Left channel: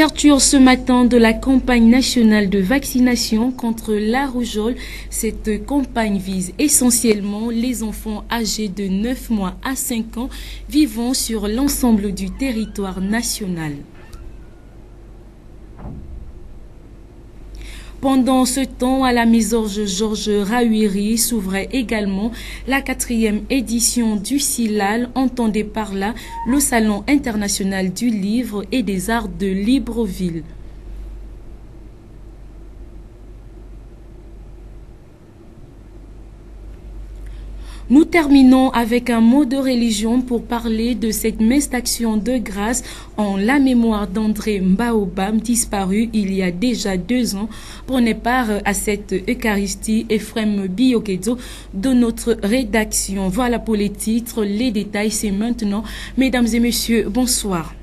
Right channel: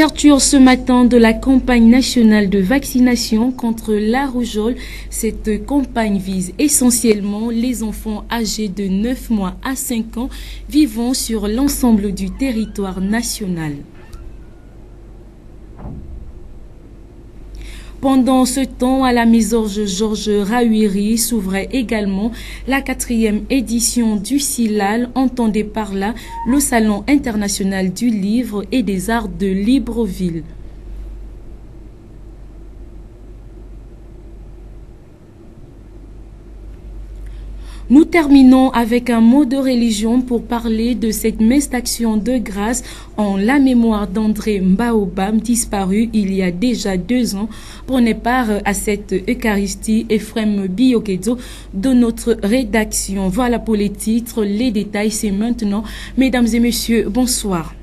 Ouverture ce matin de la campagne nationale de vaccination contre la rougeole. Cette campagne vise essentiellement les enfants âgés de 9 mois à 5 ans vivant sur l'ensemble du territoire national. Pendant ce temps, à la Misorge Georges Rahuiri s'ouvrait également la 4e édition du CILAL, entendez par là le Salon international du livre et des arts de Libreville. Nous terminons avec un mot de religion pour parler de cette messe d'action de grâce en la mémoire d'André Mbaobam, disparu il y a déjà 2 ans. Prenez part à cette Eucharistie, Ephrem Biokedzo de notre rédaction. Voilà pour les titres, les détails c'est maintenant. Mesdames et messieurs, bonsoir.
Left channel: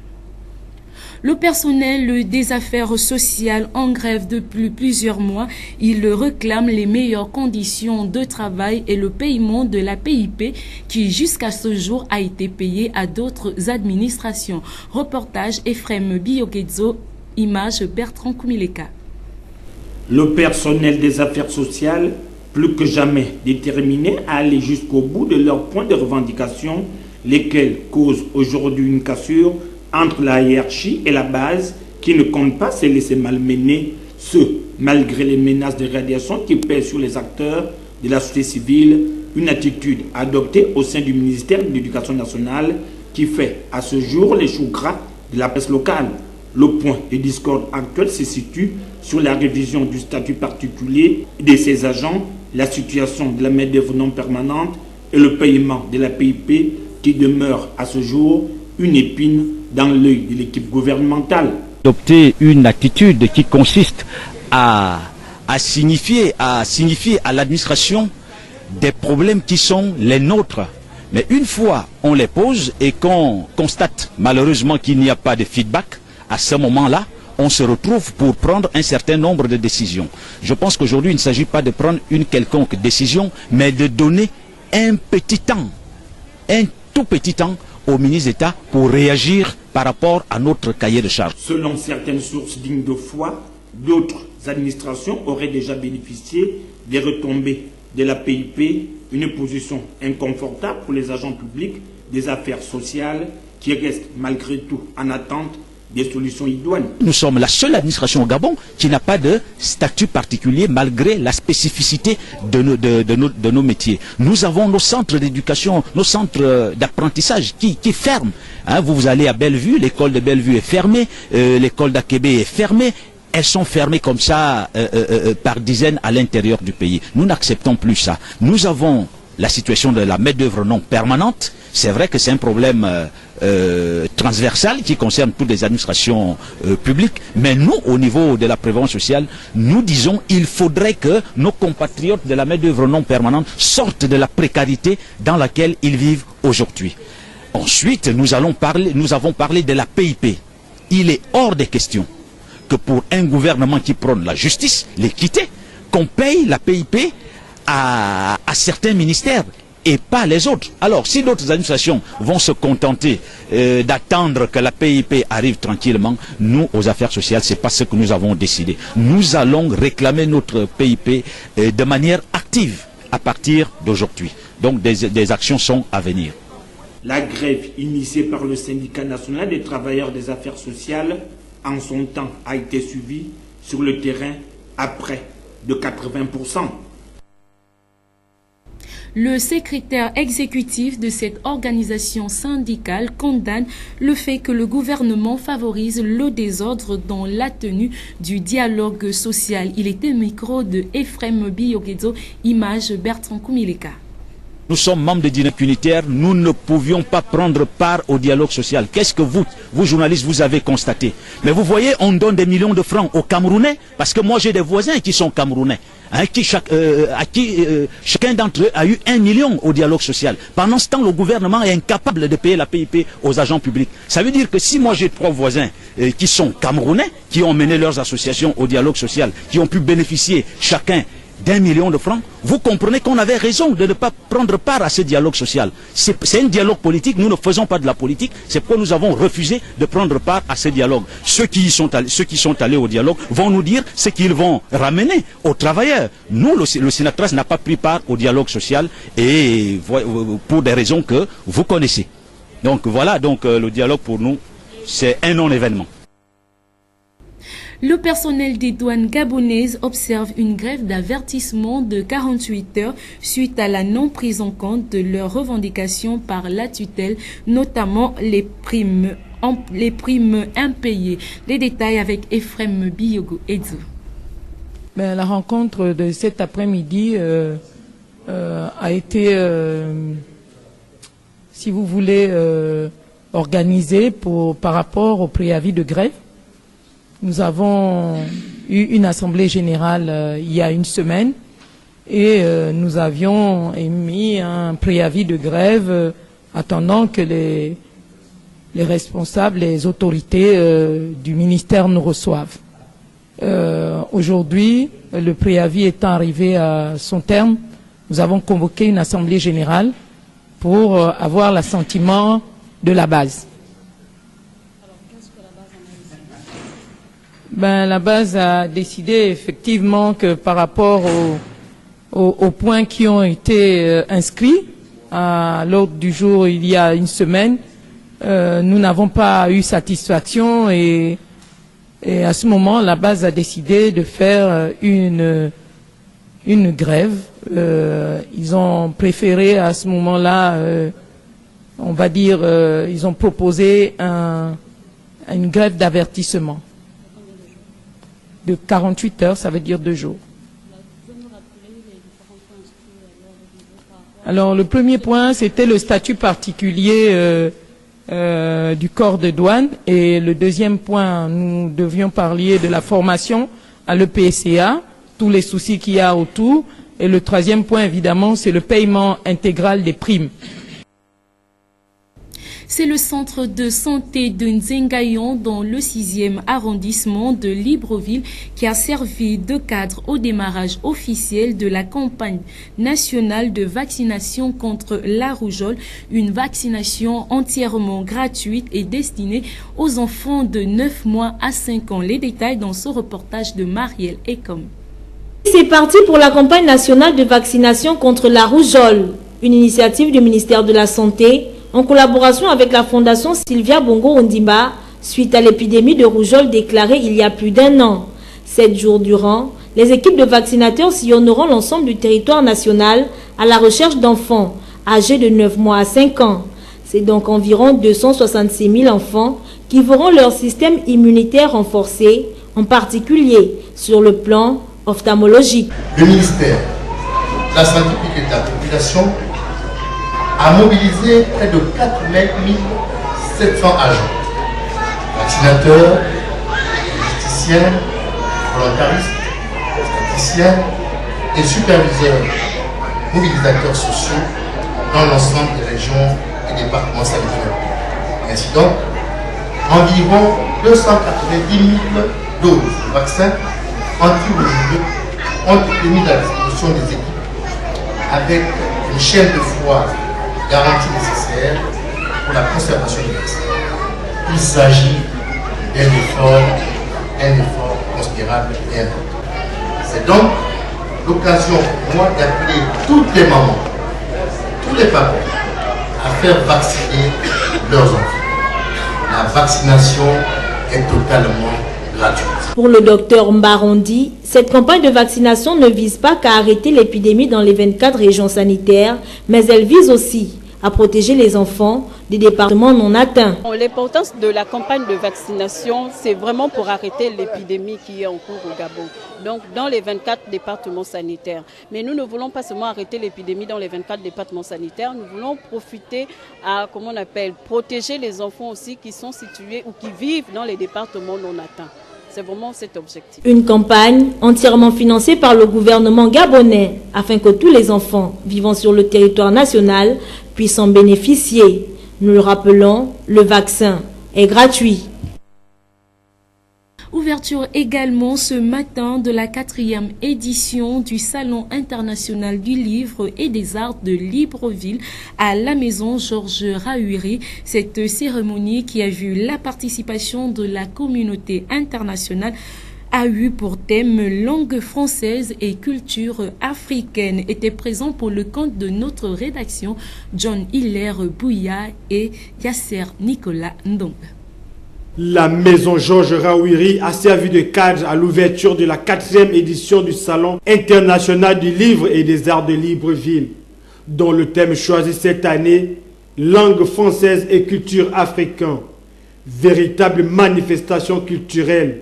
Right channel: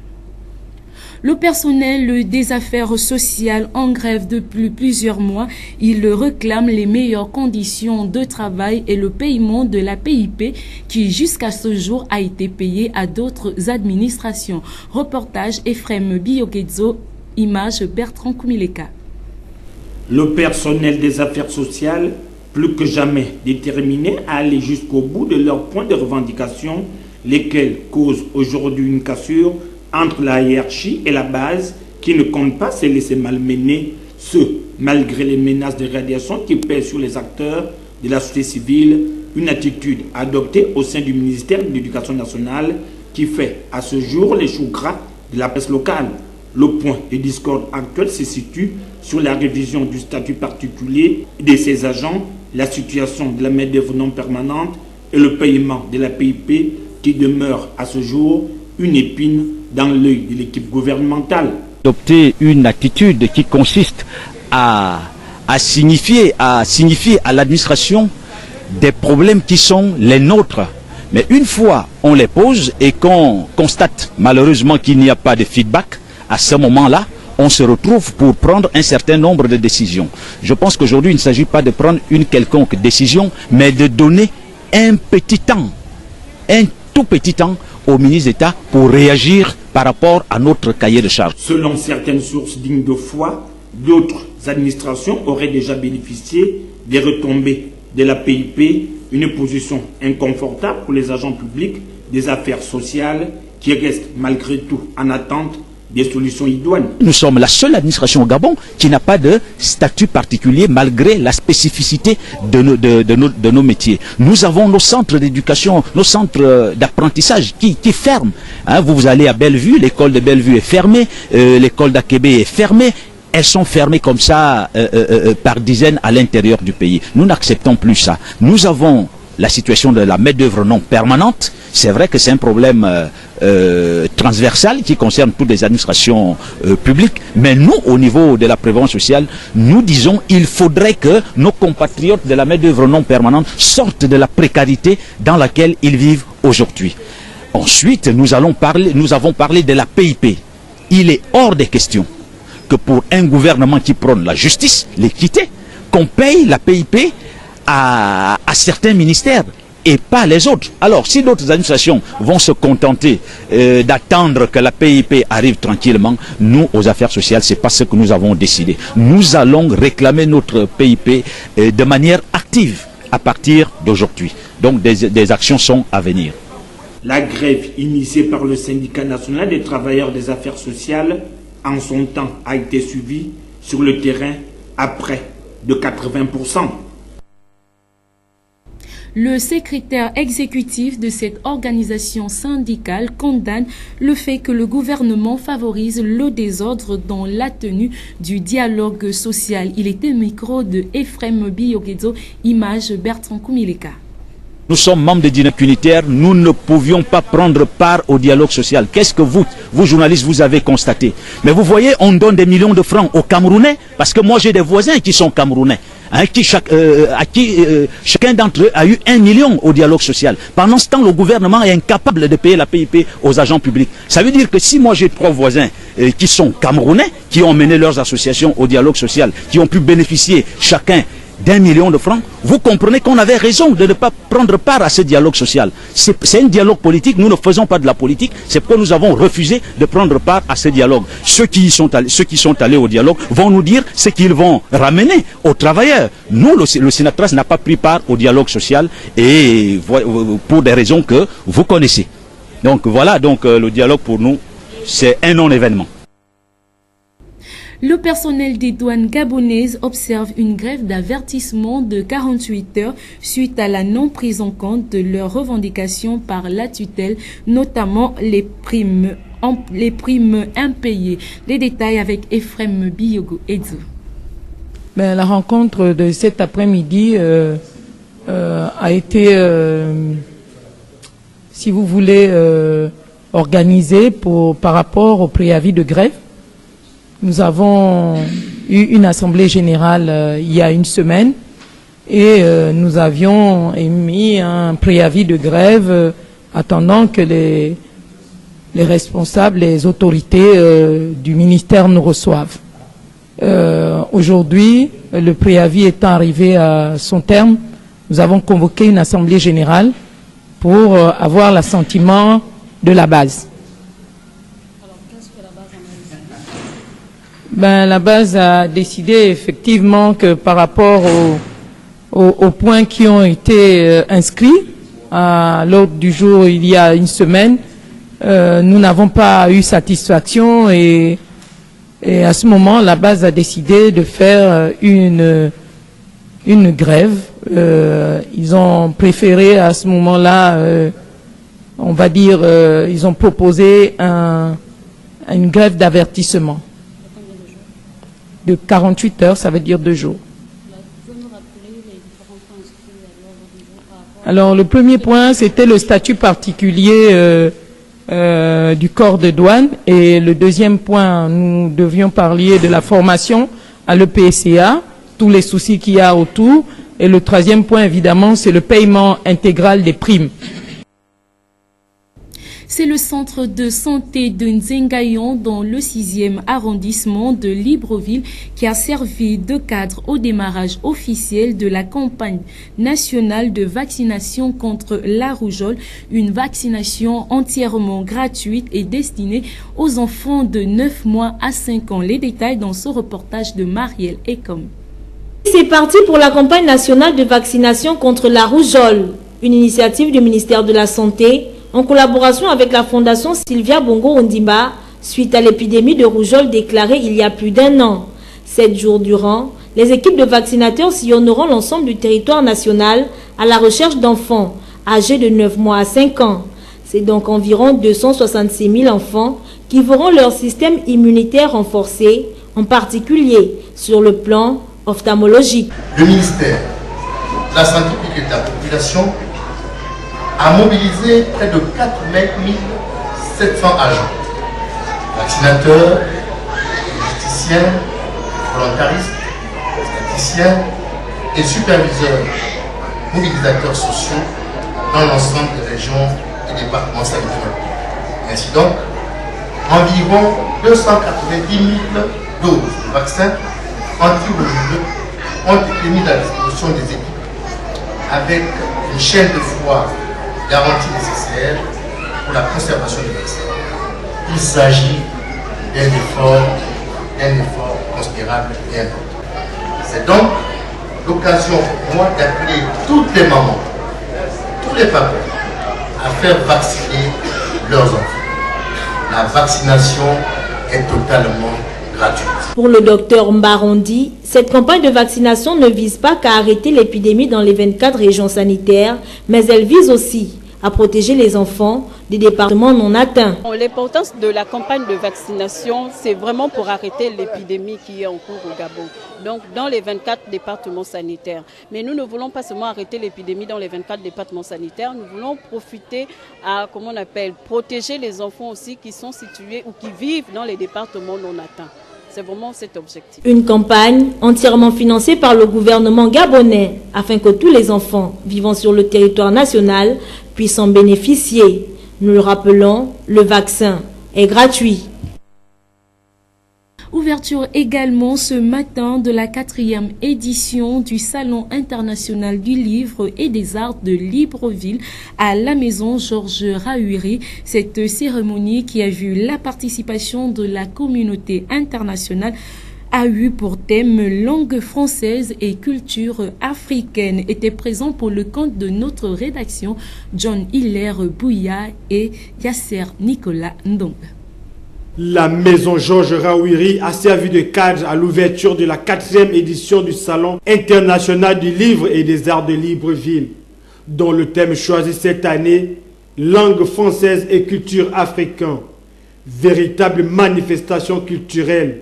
Le personnel des affaires sociales en grève depuis plusieurs mois, il réclame les meilleures conditions de travail et le paiement de la PIP qui jusqu'à ce jour a été payé à d'autres administrations. Reportage Ephrem Biokedzo, image Bertrand Koumileka. Le personnel des affaires sociales, plus que jamais déterminé à aller jusqu'au bout de leurs points de revendication, lesquels causent aujourd'hui une cassure entre la hiérarchie et la base qui ne compte pas se laisser malmener, ce malgré les menaces de radiation qui pèsent sur les acteurs de la société civile, une attitude adoptée au sein du ministère de l'Éducation nationale qui fait à ce jour les choux gras de la presse locale. Le point de discorde actuel se situe sur la révision du statut particulier de ces agents, la situation de la main-d'œuvre non permanente et le paiement de la PIP qui demeure à ce jour une épine dans l'œil de l'équipe gouvernementale. À signifier à l'administration des problèmes qui sont les nôtres. Mais une fois on les pose et qu'on constate malheureusement qu'il n'y a pas de feedback, à ce moment-là, on se retrouve pour prendre un certain nombre de décisions. Je pense qu'aujourd'hui, il ne s'agit pas de prendre une quelconque décision, mais de donner un petit temps, un tout petit temps au ministre d'État pour réagir par rapport à notre cahier de charges. Selon certaines sources dignes de foi, d'autres administrations auraient déjà bénéficié des retombées de la PIP, une position inconfortable pour les agents publics des affaires sociales qui restent malgré tout en attente des solutions idoines. Nous sommes la seule administration au Gabon qui n'a pas de statut particulier malgré la spécificité de nos métiers. Nous avons nos centres d'éducation, nos centres d'apprentissage qui ferment. Hein, vous allez à Bellevue, l'école de Bellevue est fermée, l'école d'Akébé est fermée. Elles sont fermées comme ça par dizaines à l'intérieur du pays. Nous n'acceptons plus ça. Nous avons la situation de la main-d'œuvre non permanente. C'est vrai que c'est un problème transversal qui concerne toutes les administrations publiques, mais nous, au niveau de la prévoyance sociale, nous disons qu'il faudrait que nos compatriotes de la main-d'œuvre non permanente sortent de la précarité dans laquelle ils vivent aujourd'hui. Ensuite, nous avons parlé de la PIP. Il est hors des questions que pour un gouvernement qui prône la justice, l'équité, qu'on paye la PIP à certains ministères et pas les autres. Alors, si d'autres administrations vont se contenter d'attendre que la PIP arrive tranquillement, nous, aux affaires sociales, c'est pas ce que nous avons décidé. Nous allons réclamer notre PIP de manière active à partir d'aujourd'hui. Donc, des actions sont à venir. La grève initiée par le syndicat national des travailleurs des affaires sociales, en son temps, a été suivie sur le terrain à près de 80%. Le secrétaire exécutif de cette organisation syndicale condamne le fait que le gouvernement favorise le désordre dans la tenue du dialogue social. Il était au micro de Ephrem Biokedzo, image Bertrand Koumileka. Nous sommes membres des dynamiques unitaires, nous ne pouvions pas prendre part au dialogue social. Qu'est-ce que vous journalistes, vous avez constaté? Mais vous voyez, on donne des millions de francs aux Camerounais, parce que moi j'ai des voisins qui sont Camerounais. Chacun d'entre eux a eu 1 million au dialogue social. Pendant ce temps, le gouvernement est incapable de payer la PIP aux agents publics. Ça veut dire que si moi j'ai 3 voisins qui sont camerounais, qui ont mené leurs associations au dialogue social, qui ont pu bénéficier chacun d'1 million de francs, vous comprenez qu'on avait raison de ne pas prendre part à ce dialogue social. C'est un dialogue politique, nous ne faisons pas de la politique, c'est que nous avons refusé de prendre part à ce dialogue. Ceux qui sont allés au dialogue vont nous dire ce qu'ils vont ramener aux travailleurs. Nous, le Sénatras n'a pas pris part au dialogue social et pour des raisons que vous connaissez. Donc voilà, le dialogue pour nous, c'est un non-événement. Le personnel des douanes gabonaises observe une grève d'avertissement de 48 heures suite à la non prise en compte de leurs revendications par la tutelle, notamment les primes impayées. Les détails avec Ephrem Biyogo Edzo. La rencontre de cet après-midi a été, si vous voulez, organisée par rapport au préavis de grève. Nous avons eu une assemblée générale il y a une semaine et nous avions émis un préavis de grève attendant que les responsables, les autorités du ministère nous reçoivent. Aujourd'hui, le préavis étant arrivé à son terme, nous avons convoqué une assemblée générale pour avoir l'assentiment de la base. La base a décidé effectivement que par rapport aux points qui ont été inscrits à l'ordre du jour il y a une semaine, nous n'avons pas eu satisfaction et à ce moment la base a décidé de faire une grève. Ils ont préféré à ce moment-là, on va dire, ils ont proposé une grève d'avertissement. De 48 heures, ça veut dire 2 jours. Alors, le premier point, c'était le statut particulier du corps de douane. Et le deuxième point, nous devions parler de la formation à l'EPCA, tous les soucis qu'il y a autour. Et le troisième point, évidemment, c'est le paiement intégral des primes. C'est le centre de santé de Nzengayon dans le 6e arrondissement de Libreville qui a servi de cadre au démarrage officiel de la campagne nationale de vaccination contre la rougeole, une vaccination entièrement gratuite et destinée aux enfants de 9 mois à 5 ans. Les détails dans ce reportage de Marielle Ekom. C'est parti pour la campagne nationale de vaccination contre la rougeole, une initiative du ministère de la Santé en collaboration avec la fondation Sylvia Bongo Ondimba, suite à l'épidémie de rougeole déclarée il y a plus d'1 an. 7 jours durant, les équipes de vaccinateurs sillonneront l'ensemble du territoire national à la recherche d'enfants âgés de 9 mois à 5 ans. C'est donc environ 266 000 enfants qui verront leur système immunitaire renforcé, en particulier sur le plan ophtalmologique. Le ministère de la Santé publique et de la Population a mobilisé près de 4 700 agents, vaccinateurs, logisticiens, volontaristes, statisticiens et superviseurs, mobilisateurs sociaux dans l'ensemble des régions et départements sanitaires. Ainsi donc, environ 290 000 doses de vaccins anti-rougeole ont été mises à disposition des équipes avec une chaîne de froid garantie nécessaire pour la conservation des vaccins. Il s'agit d'un effort considérable et important. C'est donc l'occasion pour moi d'appeler toutes les mamans, tous les papas à faire vacciner leurs enfants. La vaccination est totalement gratuite. Pour le docteur Mbarondi, cette campagne de vaccination ne vise pas qu'à arrêter l'épidémie dans les 24 régions sanitaires, mais elle vise aussi à protéger les enfants des départements non atteints. L'importance de la campagne de vaccination, c'est vraiment pour arrêter l'épidémie qui est en cours au Gabon. Donc dans les 24 départements sanitaires. Mais nous ne voulons pas seulement arrêter l'épidémie dans les 24 départements sanitaires, nous voulons profiter à, protéger les enfants aussi qui sont situés ou qui vivent dans les départements non atteints. C'est vraiment cet objectif. Une campagne entièrement financée par le gouvernement gabonais afin que tous les enfants vivant sur le territoire national puissent en bénéficier. Nous le rappelons, le vaccin est gratuit. Ouverture également ce matin de la 4e édition du Salon international du livre et des arts de Libreville à la maison Georges Rahouiri. Cette cérémonie qui a vu la participation de la communauté internationale a eu pour thème langue française et culture africaine. Était présent pour le compte de notre rédaction John Hilaire Bouya et Yasser Nicolas Ndong. La maison Georges Rahouiri a servi de cadre à l'ouverture de la 4e édition du Salon international du livre et des arts de Libreville, dont le thème choisi cette année, langue française et culture africaine. Véritable manifestation culturelle.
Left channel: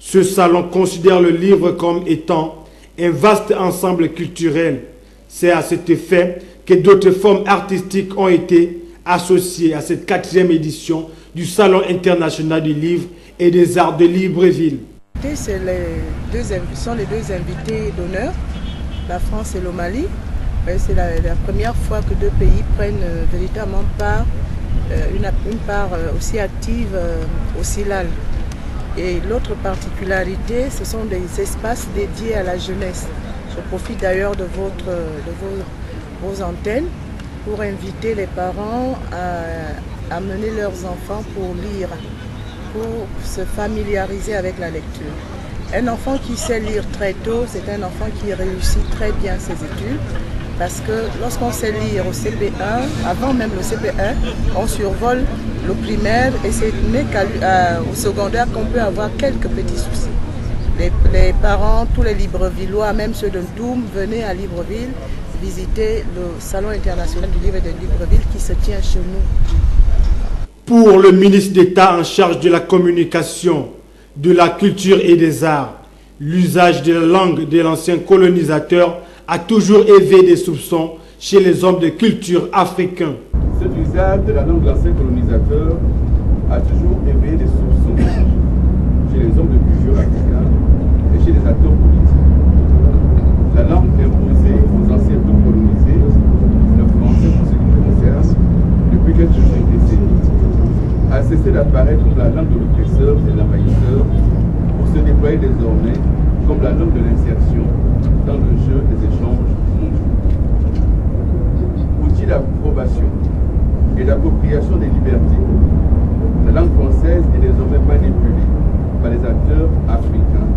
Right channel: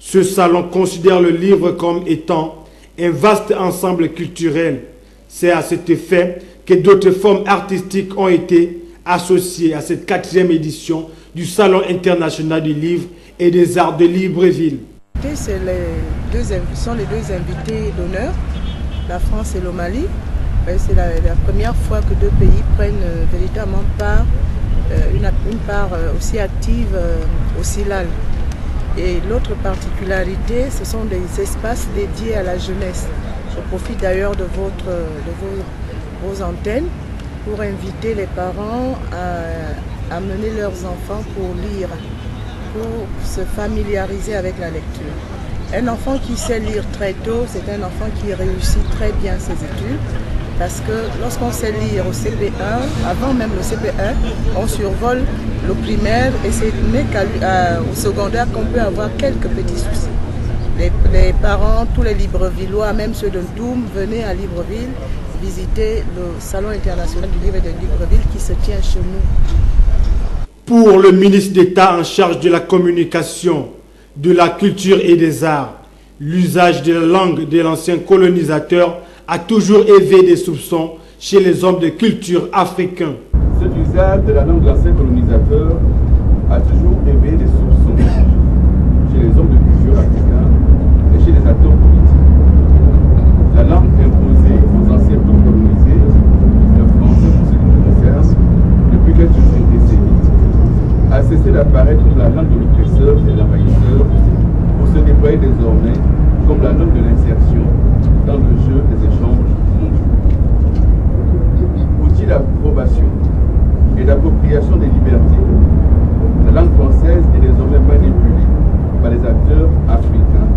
Ce salon considère le livre comme étant un vaste ensemble culturel. C'est à cet effet que d'autres formes artistiques ont été associées à cette 4e édition du Salon international du livre et des arts de Libreville. Ce sont les deux invités d'honneur, la France et le Mali. C'est la première fois que deux pays prennent véritablement une part aussi active au CILAL. Et l'autre particularité, ce sont des espaces dédiés à la jeunesse. Je profite d'ailleurs de vos antennes pour inviter les parents à amener leurs enfants pour lire, pour se familiariser avec la lecture. Un enfant qui sait lire très tôt, c'est un enfant qui réussit très bien ses études, parce que lorsqu'on sait lire au CP1, avant même le CP1, on survole le primaire et c'est au secondaire qu'on peut avoir quelques petits soucis. Les parents, tous les Librevillois, même ceux de Ndoum, venaient à Libreville visiter le Salon international du livre de Libreville qui se tient chez nous. Pour le ministre d'État en charge de la communication, de la culture et des arts, l'usage de la langue de l'ancien colonisateur a toujours éveillé des soupçons chez les hommes de culture africains. Cet usage de la langue de l'ancien colonisateur a toujours éveillé des soupçons chez les hommes de culture africains et chez les acteurs politiques. La langue imposée aux anciens peuples colonisés, le français pour ce qui nous concerne, depuis quelques décennies, a cessé d'apparaître comme la langue de l'oppresseur et de l'envahisseur pour se déployer désormais comme la langue de l'insertion dans le jeu des échanges mondiaux. Outil d'approbation et d'appropriation des libertés, la langue française est désormais manipulée par les acteurs africains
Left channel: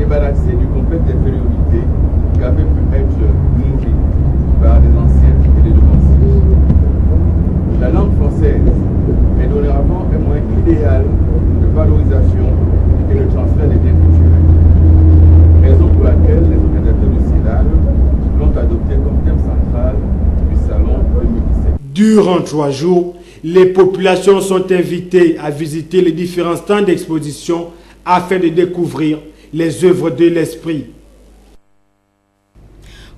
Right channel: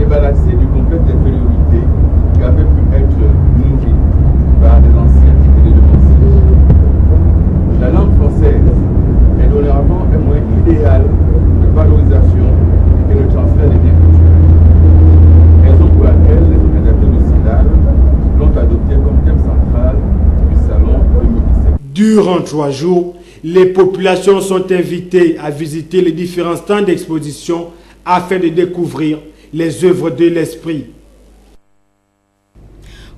et balancée du complexe d'infériorité qui avait pu être nourri par des anciens et des devanciers. La langue française est dorénavant un moyen idéal de valorisation et de transfert des biens culturels. Raison pour laquelle les organisateurs du CILAL l'ont adopté comme thème central du Salon 2017. Durant 3 jours, les populations sont invitées à visiter les différents stands d'exposition afin de découvrir les œuvres de l'esprit.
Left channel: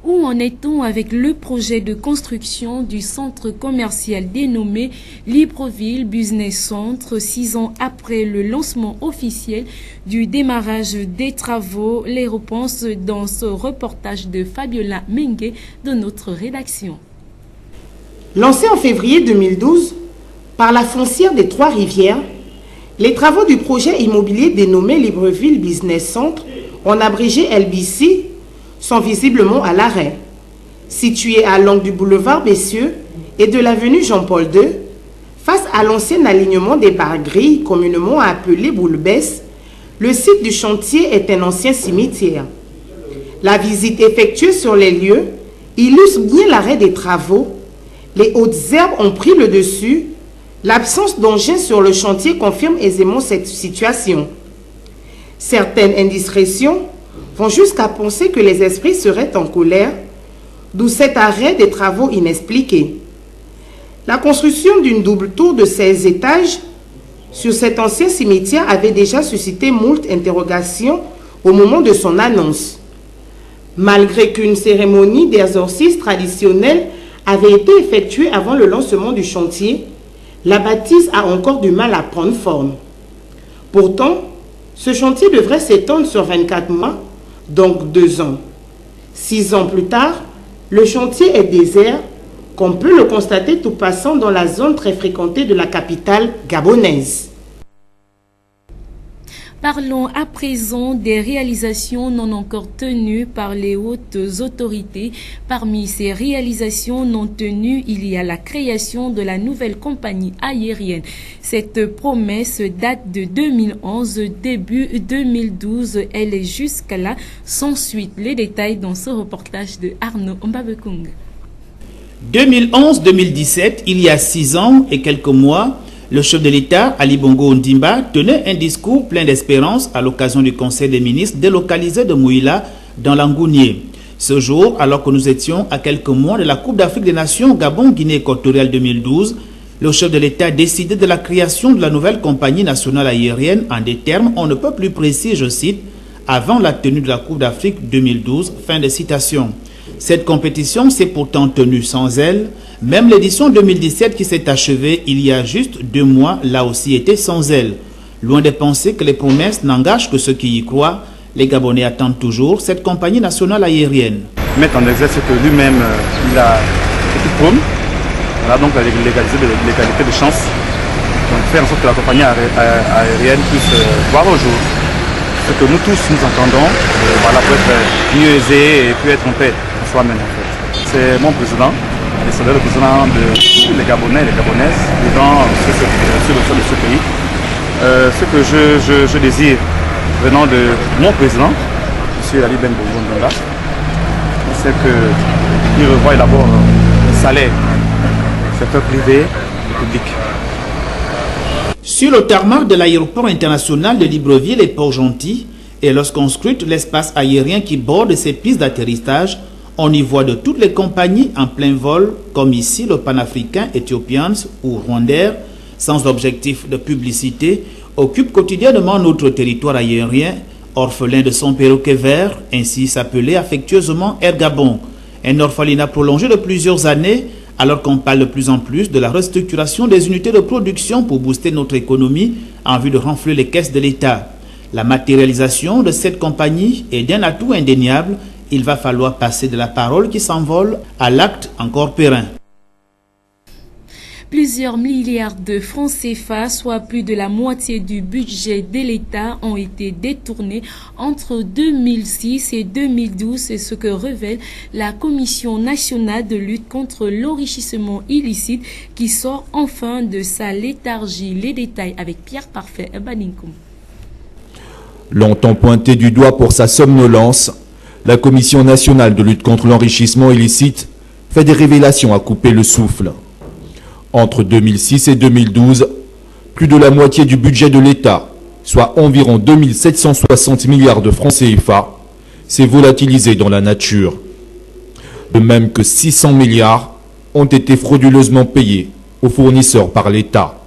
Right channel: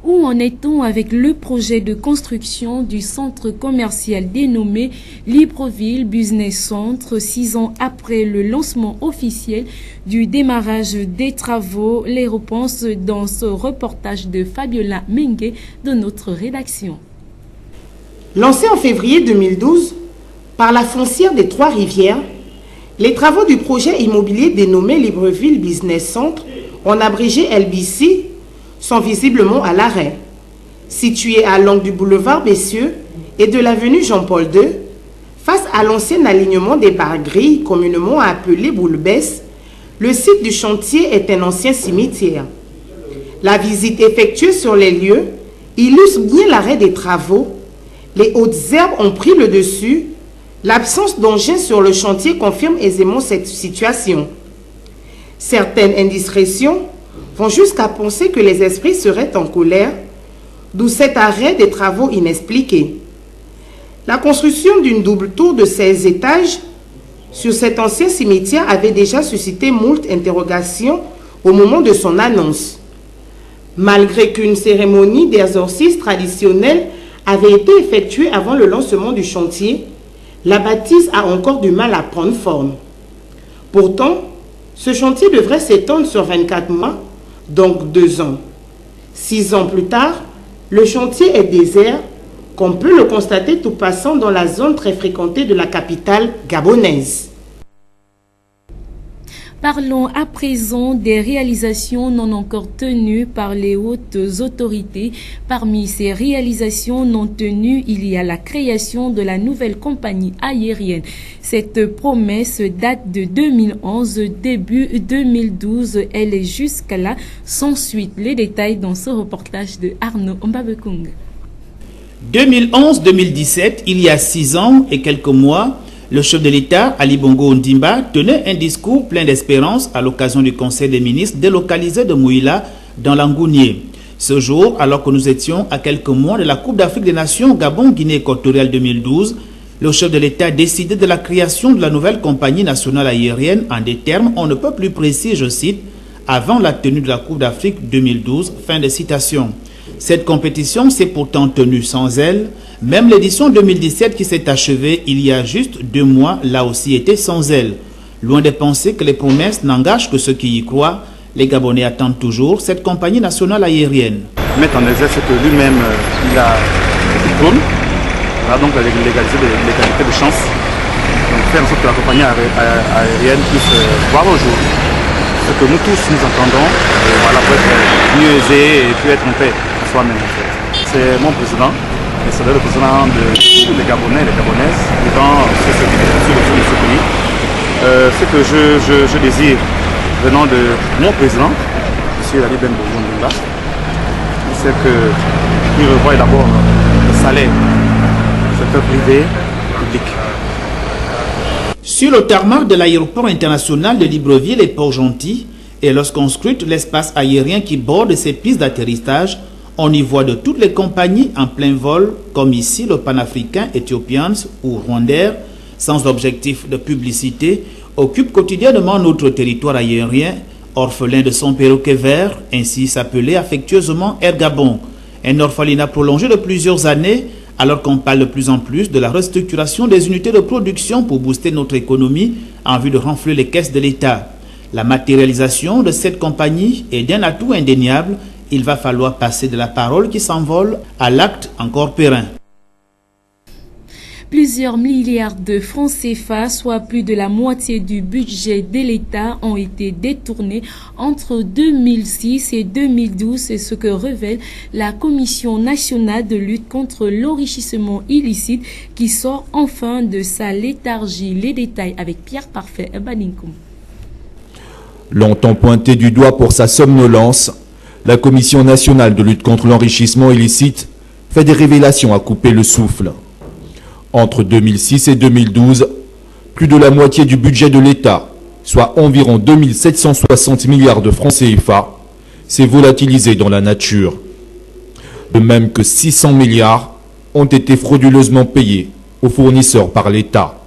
Où en est-on avec le projet de construction du centre commercial dénommé Libreville Business Centre, 6 ans après le lancement officiel du démarrage des travaux? Les réponses dans ce reportage de Fabiola Mengue de notre rédaction. Lancé en février 2012 par la foncière des Trois-Rivières, les travaux du projet immobilier dénommé Libreville Business Centre, en abrégé LBC, sont visiblement à l'arrêt. Situé à l'angle du boulevard Bessieux et de l'avenue Jean-Paul II, face à l'ancien alignement des barres-grilles communément appelé Boule-Besse, le site du chantier est un ancien cimetière. La visite effectuée sur les lieux illustre bien l'arrêt des travaux. Les hautes herbes ont pris le dessus. L'absence d'engins sur le chantier confirme aisément cette situation. Certaines indiscrétions vont jusqu'à penser que les esprits seraient en colère, d'où cet arrêt des travaux inexpliqués. La construction d'une double tour de 16 étages sur cet ancien cimetière avait déjà suscité moult interrogations au moment de son annonce. Malgré qu'une cérémonie d'exorcisme traditionnelle avait été effectuée avant le lancement du chantier, la bâtisse a encore du mal à prendre forme. Pourtant, ce chantier devrait s'étendre sur 24 mois, donc 2 ans. 6 ans plus tard, le chantier est désert, comme peut le constater tout passant dans la zone très fréquentée de la capitale gabonaise. Parlons à présent des réalisations non encore tenues par les hautes autorités. Parmi ces réalisations non tenues, il y a la création de la nouvelle compagnie aérienne. Cette promesse date de 2011, début 2012. Elle est jusqu'à là sans suite. Les détails dans ce reportage de Arnaud Mbabekung. 2011-2017, il y a 6 ans et quelques mois, le chef de l'État, Ali Bongo Ondimba, tenait un discours plein d'espérance à l'occasion du Conseil des ministres délocalisé de Mouila dans l'Angounier. Ce jour, alors que nous étions à quelques mois de la Coupe d'Afrique des Nations Gabon-Guinée équatoriale 2012, le chef de l'État a décidé de la création de la nouvelle compagnie nationale aérienne en des termes on ne peut plus précis, je cite, avant la tenue de la Coupe d'Afrique 2012, fin de citation. Cette compétition s'est pourtant tenue sans elle. Même l'édition 2017 qui s'est achevée il y a juste 2 mois l'a aussi été sans elle. Loin de penser que les promesses n'engagent que ceux qui y croient, les Gabonais attendent toujours cette compagnie nationale aérienne. Mettre en exergue que lui-même, il a cette prône, voilà donc la l'égalité de chance. Donc faire en sorte que la compagnie aérienne puisse voir au jour ce que nous tous nous entendons, voilà, pour être mieux aisés et puis être en paix en soi-même en fait. C'est mon président, et c'est le président de tous les Gabonais et les Gabonaises vivant sur ce pays. Ce que je désire venant de mon président, M. Ali Bongo Ondimba, c'est qu'il revoie d'abord le salaire du secteur privé et public. Sur le tarmac de l'aéroport international de Libreville et Port-Gentil, et lorsqu'on scrute l'espace aérien qui borde ces pistes d'atterrissage, on y voit de toutes les compagnies en plein vol, comme ici le panafricain Ethiopians ou Rwandair, sans objectif de publicité, occupe quotidiennement notre territoire aérien, orphelin de son perroquet vert, ainsi s'appelait affectueusement Air Gabon, un orphelinat prolongé de plusieurs années, alors qu'on parle de plus en plus de la restructuration des unités de production pour booster notre économie en vue de renflouer les caisses de l'État. La matérialisation de cette compagnie est d'un atout indéniable. Il va falloir passer de la parole qui s'envole à l'acte encore périn. Plusieurs milliards de francs CFA, soit plus de la moitié du budget de l'État, ont été détournés entre 2006 et 2012. C'est ce que révèle la Commission nationale de lutte contre l'enrichissement illicite qui sort enfin de sa léthargie. Les détails avec Pierre Parfait et Baninkoum. Longtemps pointé du doigt pour sa somnolence, la Commission nationale de lutte contre l'enrichissement illicite fait des révélations à couper le souffle. Entre 2006 et 2012, plus de la moitié du budget de l'État, soit environ 2760 milliards de francs CFA, s'est volatilisé dans la nature. De même que 600 milliards ont été frauduleusement payés aux fournisseurs par l'État.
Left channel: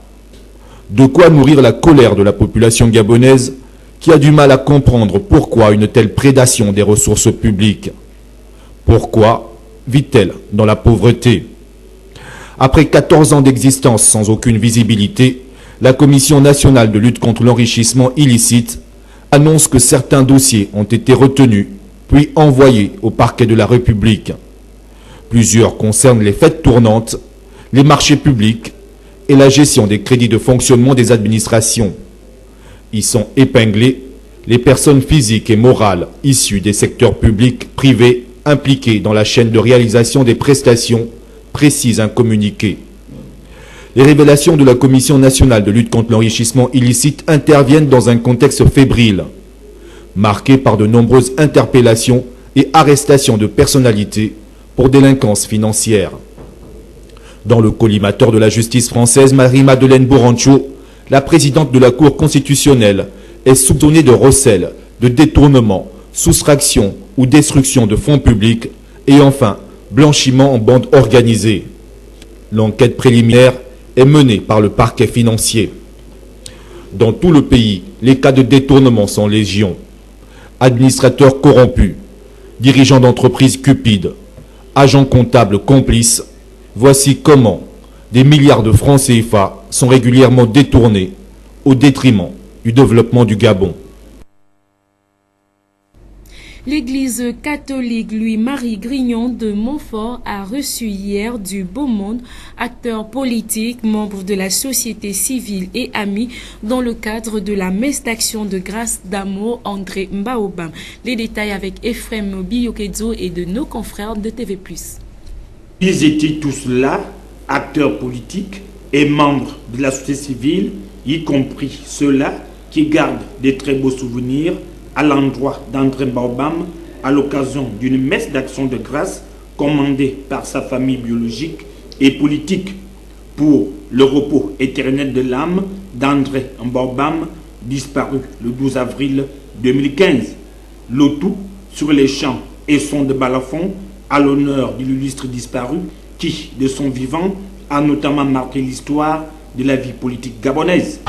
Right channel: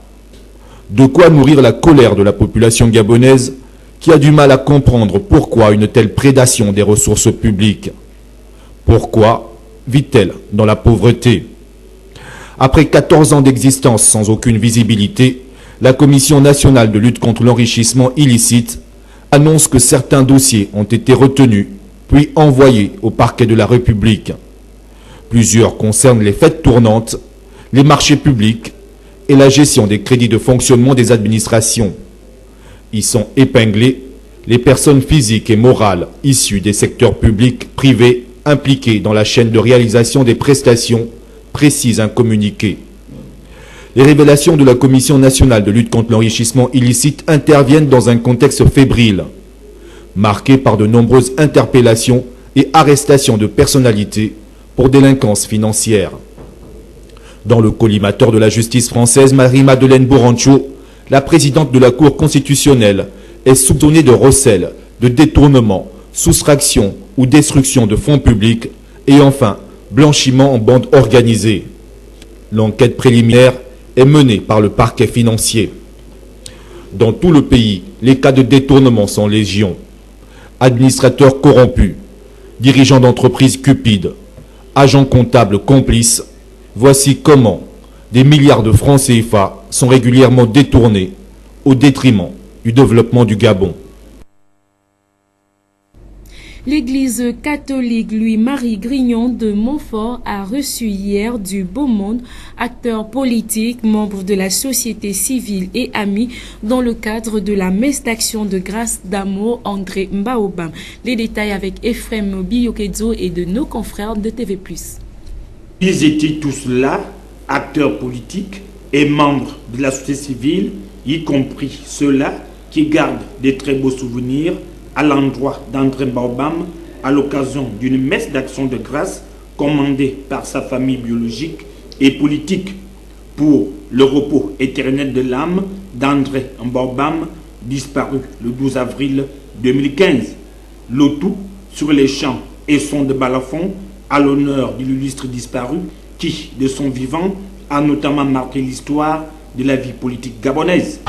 De quoi nourrir la colère de la population gabonaise qui a du mal à comprendre pourquoi une telle prédation des ressources publiques. Pourquoi vit-elle dans la pauvreté ? Après 14 ans d'existence sans aucune visibilité, la Commission nationale de lutte contre l'enrichissement illicite annonce que certains dossiers ont été retenus, puis envoyés au parquet de la République. Plusieurs concernent les fêtes tournantes, les marchés publics et la gestion des crédits de fonctionnement des administrations. Y sont épinglées les personnes physiques et morales issues des secteurs publics, privés, impliquées dans la chaîne de réalisation des prestations, précise un communiqué. Les révélations de la Commission nationale de lutte contre l'enrichissement illicite interviennent dans un contexte fébrile, marqué par de nombreuses interpellations et arrestations de personnalités pour délinquance financière. Dans le collimateur de la justice française, Marie-Madeleine Borancho, la présidente de la Cour constitutionnelle, est soupçonnée de recel, de détournement, soustraction ou destruction de fonds publics et enfin blanchiment en bande organisée. L'enquête préliminaire est menée par le parquet financier. Dans tout le pays, les cas de détournement sont légion. Administrateurs corrompus, dirigeants d'entreprises cupides, agents comptables complices, voici comment des milliards de francs CFA sont régulièrement détournés au détriment du développement du Gabon. L'église catholique Louis-Marie Grignon de Montfort a reçu hier du beau monde, acteurs politiques, membres de la société civile et amis dans le cadre de la messe d'action de grâce d'amour André Mbaobam. Les détails avec Ephraim Biyokedzo et de nos confrères de TV+. Ils étaient tous là, acteurs politiques et membres de la société civile, y compris ceux-là qui gardent des très beaux souvenirs à l'endroit d'André Mbaobam à l'occasion d'une messe d'action de grâce commandée par sa famille biologique et politique pour le repos éternel de l'âme d'André Mbaobam, disparu le 12 avril 2015. Le tout sur les chants et sons de balafon à l'honneur de l'illustre disparu qui, de son vivant, a notamment marqué l'histoire de la vie politique gabonaise.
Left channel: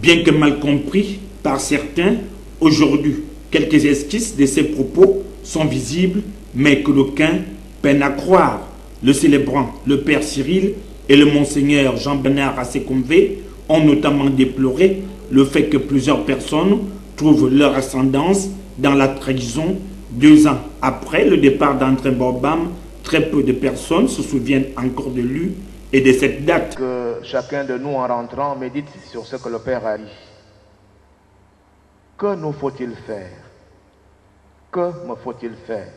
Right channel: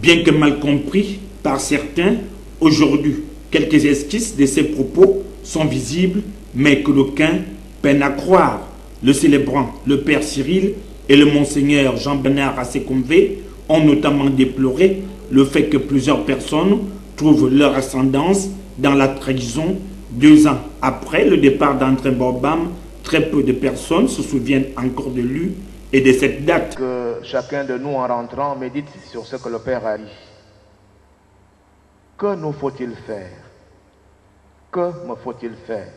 Bien que mal compris par certains, aujourd'hui, quelques esquisses de ces propos sont visibles, mais que d'aucuns peinent à croire. Le célébrant, le père Cyril et le monseigneur Jean-Bernard Assekomvé ont notamment déploré le fait que plusieurs personnes trouvent leur ascendance dans la trahison. 2 ans après le départ d'André Mbaobam, très peu de personnes se souviennent encore de lui et de cette date. Que chacun de nous, en rentrant, médite sur ce que le Père a dit. Que nous faut-il faire? Que me faut-il faire?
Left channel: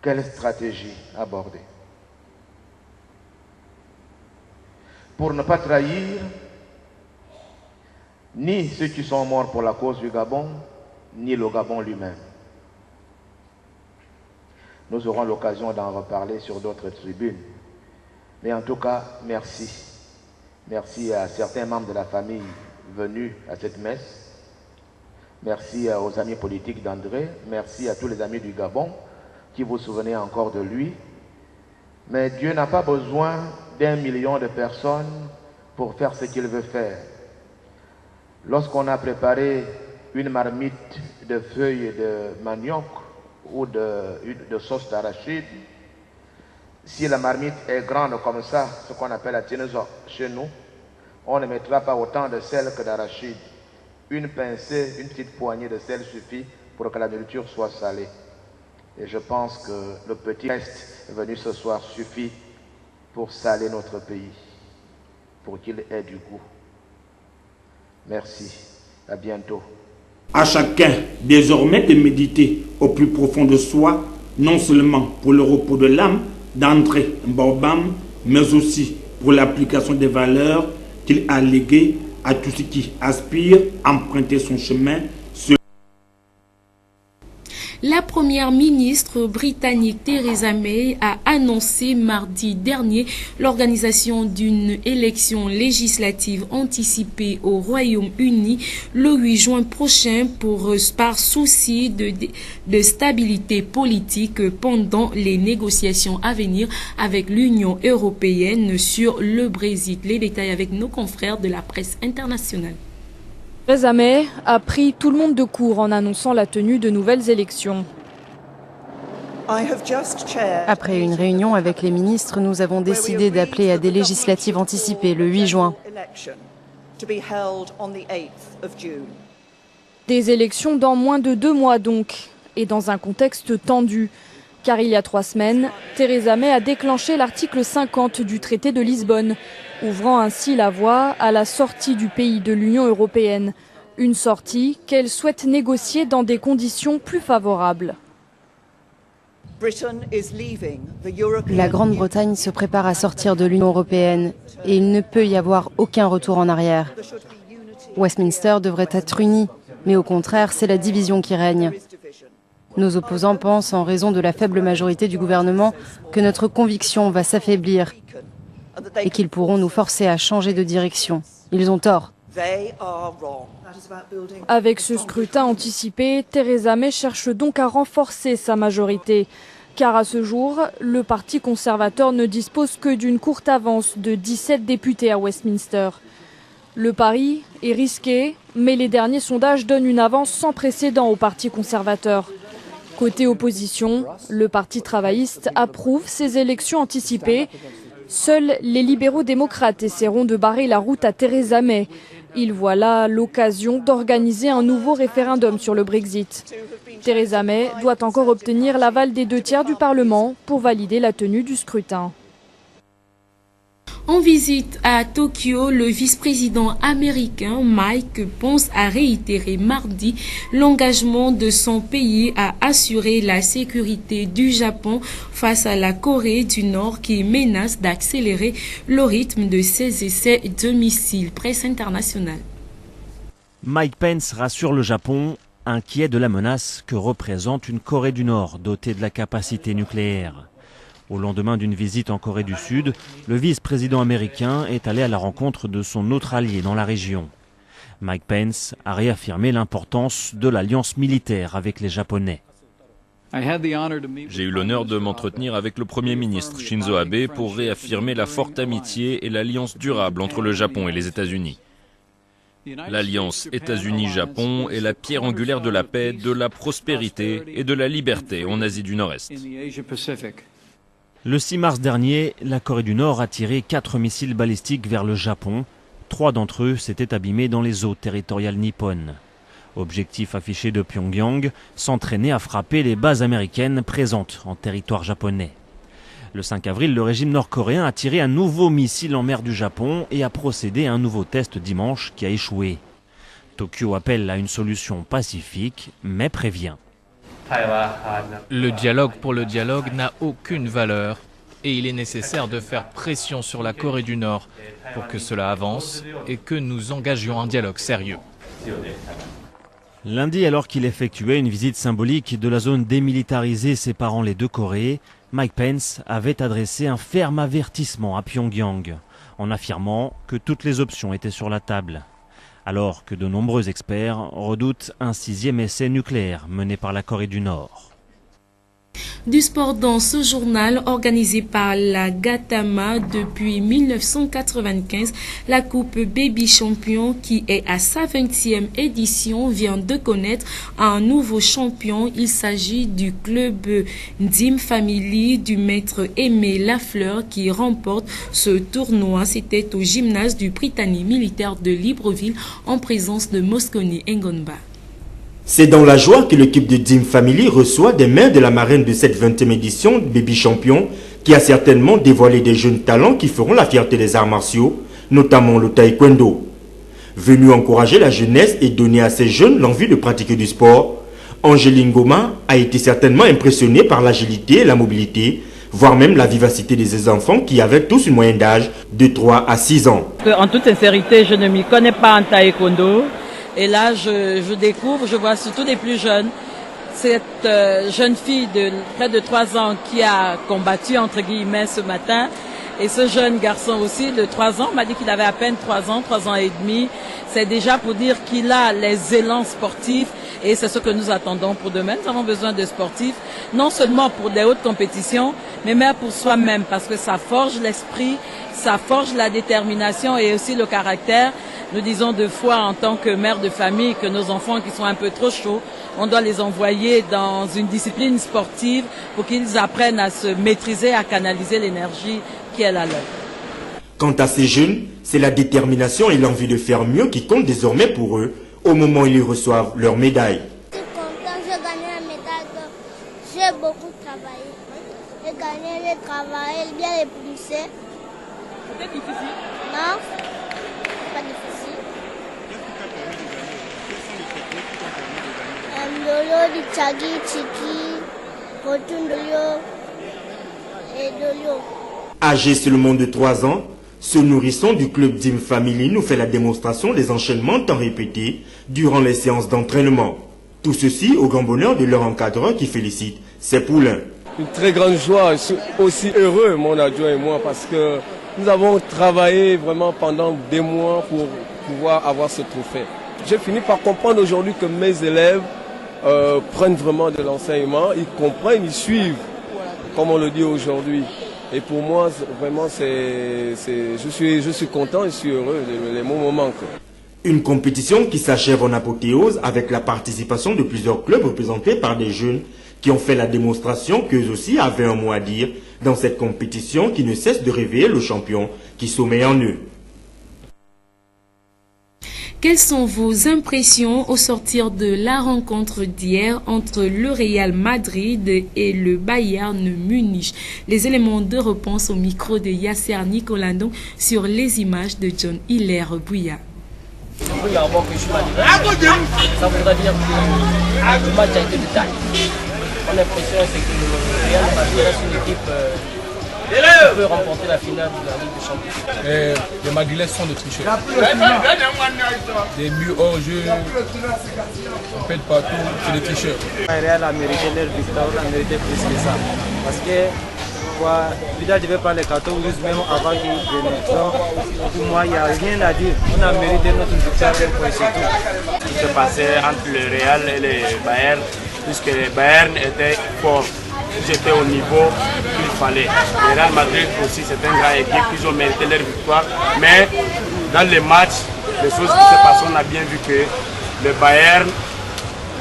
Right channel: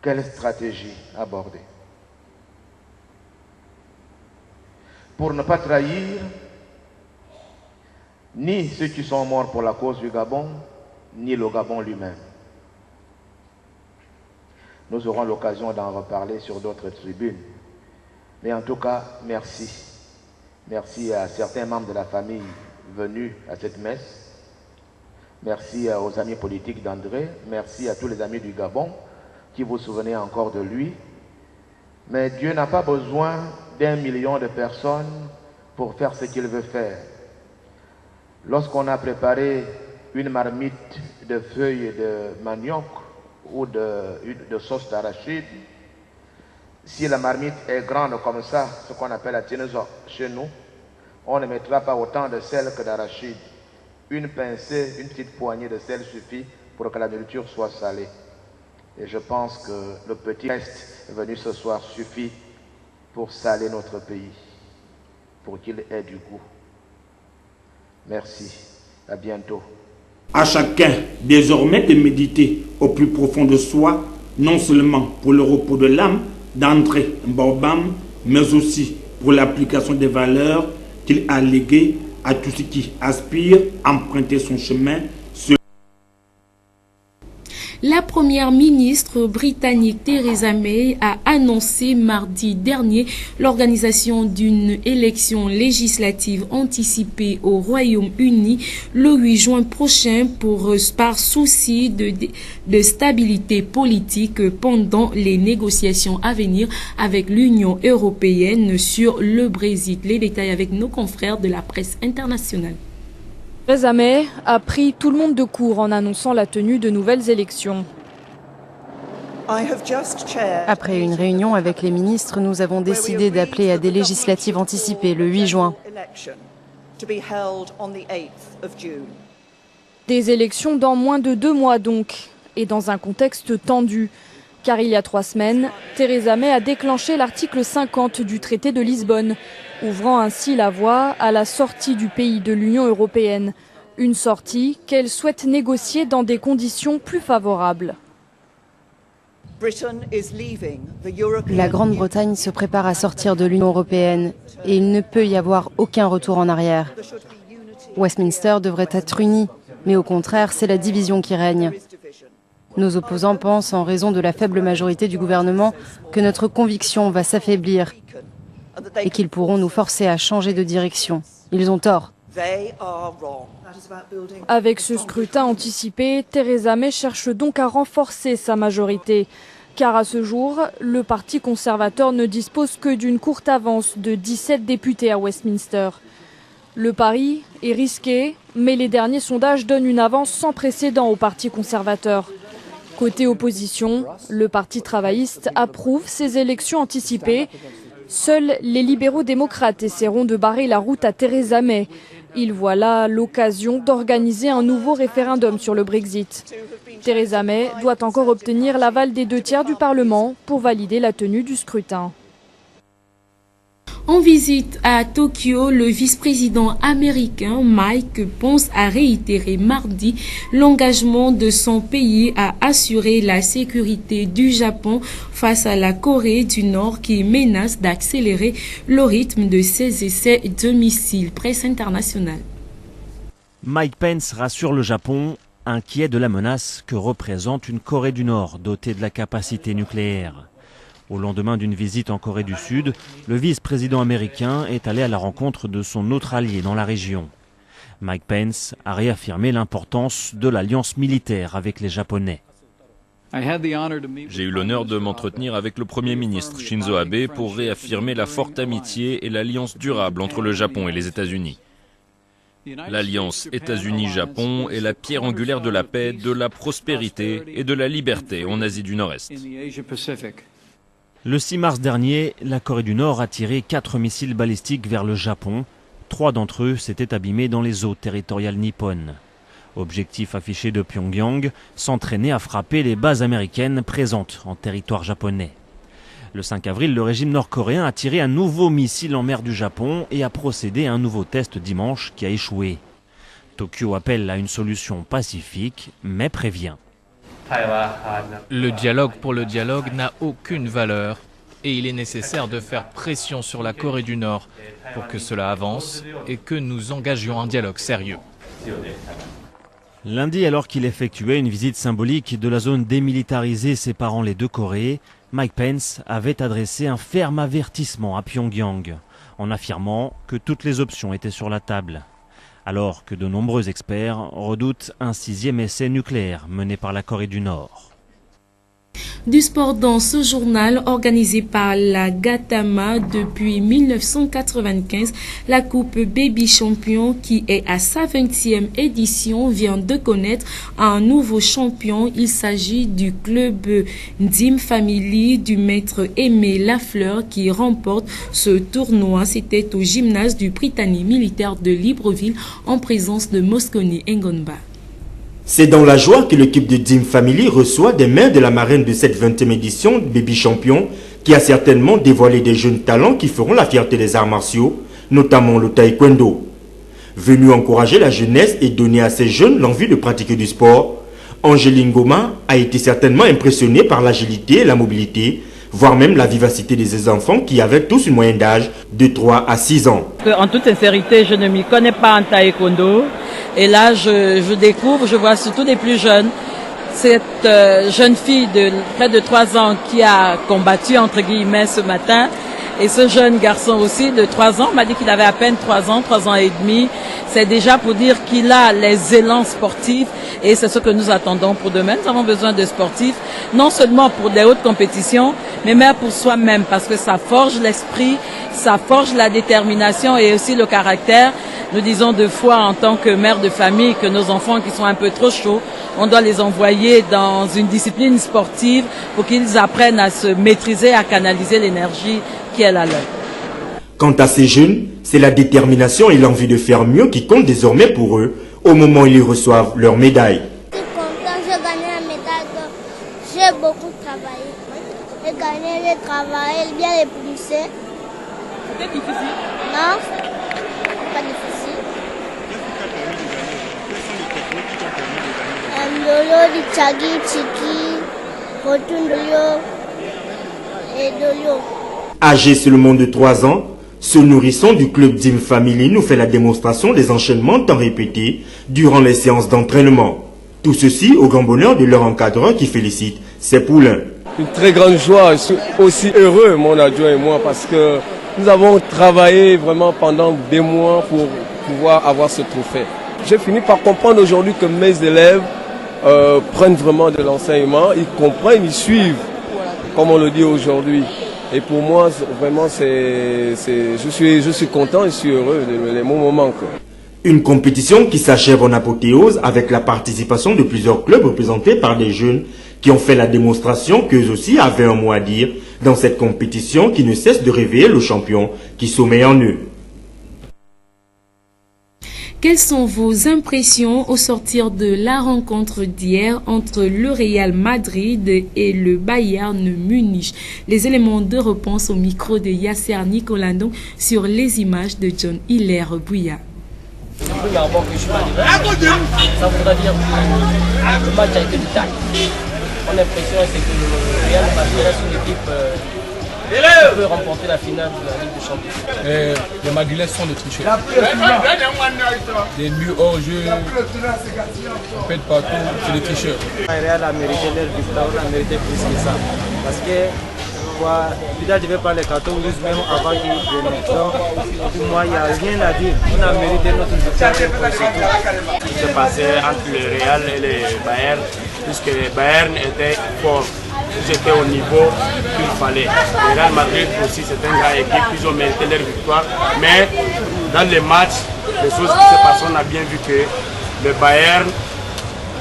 Quelle stratégie aborder? Pour ne pas trahir ni ceux qui sont morts pour la cause du Gabon, ni le Gabon lui-même. Nous aurons l'occasion d'en reparler sur d'autres tribunes. Mais en tout cas, merci. Merci à certains membres de la famille venus à cette messe. Merci aux amis politiques d'André. Merci à tous les amis du Gabon qui vous souvenez encore de lui. Mais Dieu n'a pas besoin d'1 million de personnes pour faire ce qu'il veut faire. Lorsqu'on a préparé une marmite de feuilles de manioc ou de sauce d'arachide, si la marmite est grande comme ça, ce qu'on appelle la tinezo chez nous, on ne mettra pas autant de sel que d'arachide. Une pincée, une petite poignée de sel suffit pour que la nourriture soit salée. Et je pense que le petit reste venu ce soir suffit pour saler notre pays, pour qu'il ait du goût. Merci. À bientôt. À chacun désormais de méditer au plus profond de soi, non seulement pour le repos de l'âme d'André Mbaobam, mais aussi pour l'application des valeurs qu'il a léguées à tous ceux qui aspirent à emprunter son chemin. La première ministre britannique Theresa May a annoncé mardi dernier l'organisation d'une élection législative anticipée au Royaume-Uni le 8 juin prochain par souci de stabilité politique pendant les négociations à venir avec l'Union européenne sur le Brexit. Les détails avec nos confrères de la presse internationale. Theresa May a pris tout le monde de court en annonçant la tenue de nouvelles élections. Après une réunion avec les ministres, nous avons décidé d'appeler à des législatives anticipées le 8 juin. Des élections dans moins de 2 mois donc, et dans un contexte tendu. Car il y a 3 semaines, Theresa May a déclenché l'article 50 du traité de Lisbonne, ouvrant ainsi la voie à la sortie du pays de l'Union européenne. Une sortie qu'elle souhaite négocier dans des conditions plus favorables. La Grande-Bretagne se prépare à sortir de l'Union européenne et il ne peut y avoir aucun retour en arrière. Westminster devrait être uni, mais au contraire, c'est la division qui règne. Nos opposants pensent, en raison de la faible majorité du gouvernement, que notre conviction va s'affaiblir et qu'ils pourront nous forcer à changer de direction. Ils ont tort. Avec ce scrutin anticipé, Theresa May cherche donc à renforcer sa majorité. Car à ce jour, le Parti conservateur ne dispose que d'une courte avance de 17 députés à Westminster. Le pari est risqué, mais les derniers sondages donnent une avance sans précédent au Parti conservateur. Côté opposition, le Parti travailliste approuve ces élections anticipées. Seuls les libéraux démocrates essaieront de barrer la route à Theresa May. Ils voient là l'occasion d'organiser un nouveau référendum sur le Brexit. Theresa May doit encore obtenir l'aval des 2/3 du Parlement pour valider la tenue du scrutin. En visite à Tokyo, le vice-président américain Mike Pence a réitéré mardi l'engagement de son pays à assurer la sécurité du Japon face à la Corée du Nord qui menace d'accélérer le rythme de ses essais de missiles. Presse internationale. Mike Pence rassure le Japon, inquiet de la menace que représente une Corée du Nord dotée de la capacité nucléaire. Au lendemain d'une visite en Corée du Sud, le vice-président américain est allé à la rencontre de son autre allié dans la région. Mike Pence a réaffirmé l'importance de l'alliance militaire avec les Japonais. J'ai eu l'honneur de m'entretenir avec le Premier ministre Shinzo Abe pour réaffirmer la forte amitié et l'alliance durable entre le Japon et les États-Unis. L'alliance États-Unis-Japon est la pierre angulaire de la paix, de la prospérité et de la liberté en Asie du Nord-Est. Le 6 mars dernier, la Corée du Nord a tiré 4 missiles balistiques vers le Japon. 3 d'entre eux s'étaient abîmés dans les eaux territoriales nippones. Objectif affiché de Pyongyang, s'entraîner à frapper les bases américaines présentes en territoire japonais. Le 5 avril, le régime nord-coréen a tiré un nouveau missile en mer du Japon et a procédé à un nouveau test dimanche qui a échoué. Tokyo appelle à une solution pacifique, mais prévient. Le dialogue pour le dialogue n'a aucune valeur et il est nécessaire de faire pression sur la Corée du Nord pour que cela avance et que nous engagions un dialogue sérieux. Lundi, alors qu'il effectuait une visite symbolique de la zone démilitarisée séparant les deux Corées, Mike Pence avait adressé un ferme avertissement à Pyongyang en affirmant que toutes les options étaient sur la table. Alors que de nombreux experts redoutent un 6e essai nucléaire mené par la Corée du Nord. Du sport dans ce journal organisé par la Gatama depuis 1995, la Coupe Baby Champion qui est à sa 20e édition vient de connaître un nouveau champion. Il s'agit du club Dim Family du maître Aimé Lafleur qui remporte ce tournoi. C'était au gymnase du Prytanée militaire de Libreville en présence de Moscone Ngonba. C'est dans la joie que l'équipe de Dim Family reçoit des mains de la marraine de cette 20e édition Baby Champion qui a certainement dévoilé des jeunes talents qui feront la fierté des arts martiaux, notamment le taekwondo. Venu encourager la jeunesse et donner à ces jeunes l'envie de pratiquer du sport, Angéline Goma a été certainement impressionnée par l'agilité et la mobilité, voire même la vivacité de ces enfants qui avaient tous une moyenne d'âge de 3 à 6 ans. Et là, je découvre, je vois surtout les plus jeunes. Cette jeune fille de près de 3 ans qui a combattu, entre guillemets, ce matin. Et ce jeune garçon aussi de 3 ans m'a dit qu'il avait à peine 3 ans, 3 ans et demi. C'est déjà pour dire qu'il a les élans sportifs et c'est ce que nous attendons pour demain. Nous avons besoin de sportifs, non seulement pour des hautes compétitions, mais même pour soi-même parce que ça forge l'esprit, ça forge la détermination et aussi le caractère. Nous disons deux fois en tant que mère de famille que nos enfants qui sont un peu trop chauds, on doit les envoyer dans une discipline sportive pour qu'ils apprennent à se maîtriser, à canaliser l'énergie qui est la leur. Quant à ces jeunes, c'est la détermination et l'envie de faire mieux qui comptent désormais pour eux au moment où ils reçoivent leur médaille. Je suis content, j'ai gagné la médaille, j'ai beaucoup travaillé. J'ai gagné le travail, bien les pousser. C'est difficile? Non, pas difficile. Lolo, Richagi, Chiki, Rotundoyo et Doyo. Âgé seulement de 3 ans, ce nourrisson du club Dim Family nous fait la démonstration des enchaînements tant répétés durant les séances d'entraînement. Tout ceci au grand bonheur de leur encadreur qui félicite ses poulains. Une très grande joie, je suis aussi heureux, mon adjoint et moi, parce que nous avons travaillé vraiment pendant des mois pour pouvoir avoir ce trophée. J'ai fini par comprendre aujourd'hui que mes élèves prennent vraiment de l'enseignement, ils comprennent, ils suivent. comme on le dit aujourd'hui. Et pour moi, vraiment, je suis content et je suis heureux, les mots me manquent. Une compétition qui s'achève en apothéose avec la participation de plusieurs clubs représentés par des jeunes qui ont fait la démonstration qu'eux aussi avaient un mot à dire dans cette compétition qui ne cesse de réveiller le champion qui sommeille en eux. Quelles sont vos impressions au sortir de la rencontre d'hier entre le Real Madrid et le Bayern Munich? Les éléments de réponse au micro de Yasser Nicolandon sur les images de John Hilaire Bouya. Ça voudra dire que le match a été de taille. Mon impression c'est que le Real Madrid reste une équipe qui peut remporter la finale de la Ligue des Champions. Les Madrilènes sont des tricheurs. Des buts hors jeu, on pète partout, c'est des tricheurs. Le Real a mérité leur victoire, on a mérité plus que ça. Parce que Vidal devait prendre les cartons rouges même avant qu'il vienne. Donc pour moi il n'y a rien à dire. On a mérité notre victoire pour ce qui s'est passé entre le Real et le Bayern, puisque le Bayern était fort. Ils étaient au niveau qu'il fallait. Le Real Madrid aussi, c'est une grande équipe, ils ont mérité leur victoire. Mais dans les matchs, les choses qui se passent, on a bien vu que le Bayern,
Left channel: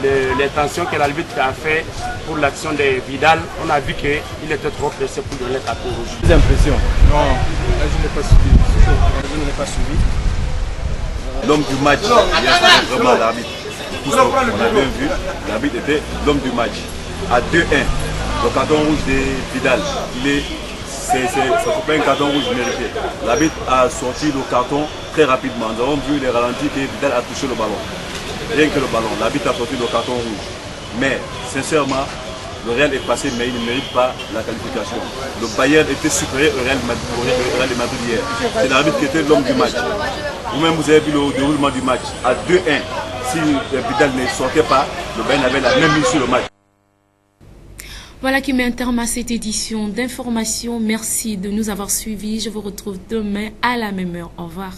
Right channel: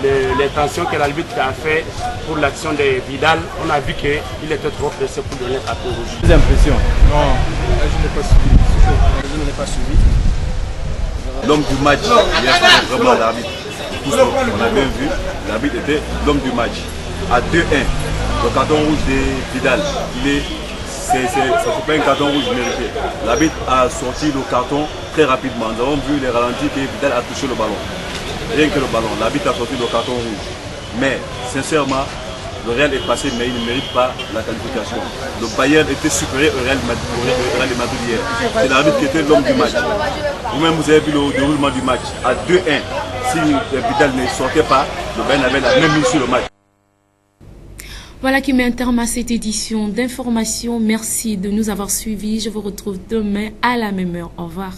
les tensions que l'arbitre a fait pour l'action de Vidal, on a vu qu'il était trop pressé pour donner le carton rouge. Des impressions? Non, je n'ai pas suivi. Je ne l'ai pas suivi. L'homme du match, il vraiment l'arbitre. On a bien vu, l'arbitre était l'homme du match. À 2-1, le carton rouge de Vidal, ça ne fait pas un carton rouge mérité. L'arbitre a sorti le carton très rapidement. Nous avons vu les ralentis que Vidal a touché le ballon. Rien que le ballon, l'arbitre a sorti le carton rouge. Mais sincèrement, le Real est passé, mais il ne mérite pas la qualification. Le Bayern était supérieur au Real Madrid hier. C'est l'arbitre qui était l'homme du match. Vous-même, vous avez vu le déroulement du match. À 2-1, si Vidal ne sortait pas, le Bayern avait la même mise sur le match. Voilà qui met un terme à cette édition d'information. Merci de nous avoir suivis. Je vous retrouve demain à la même heure. Au revoir.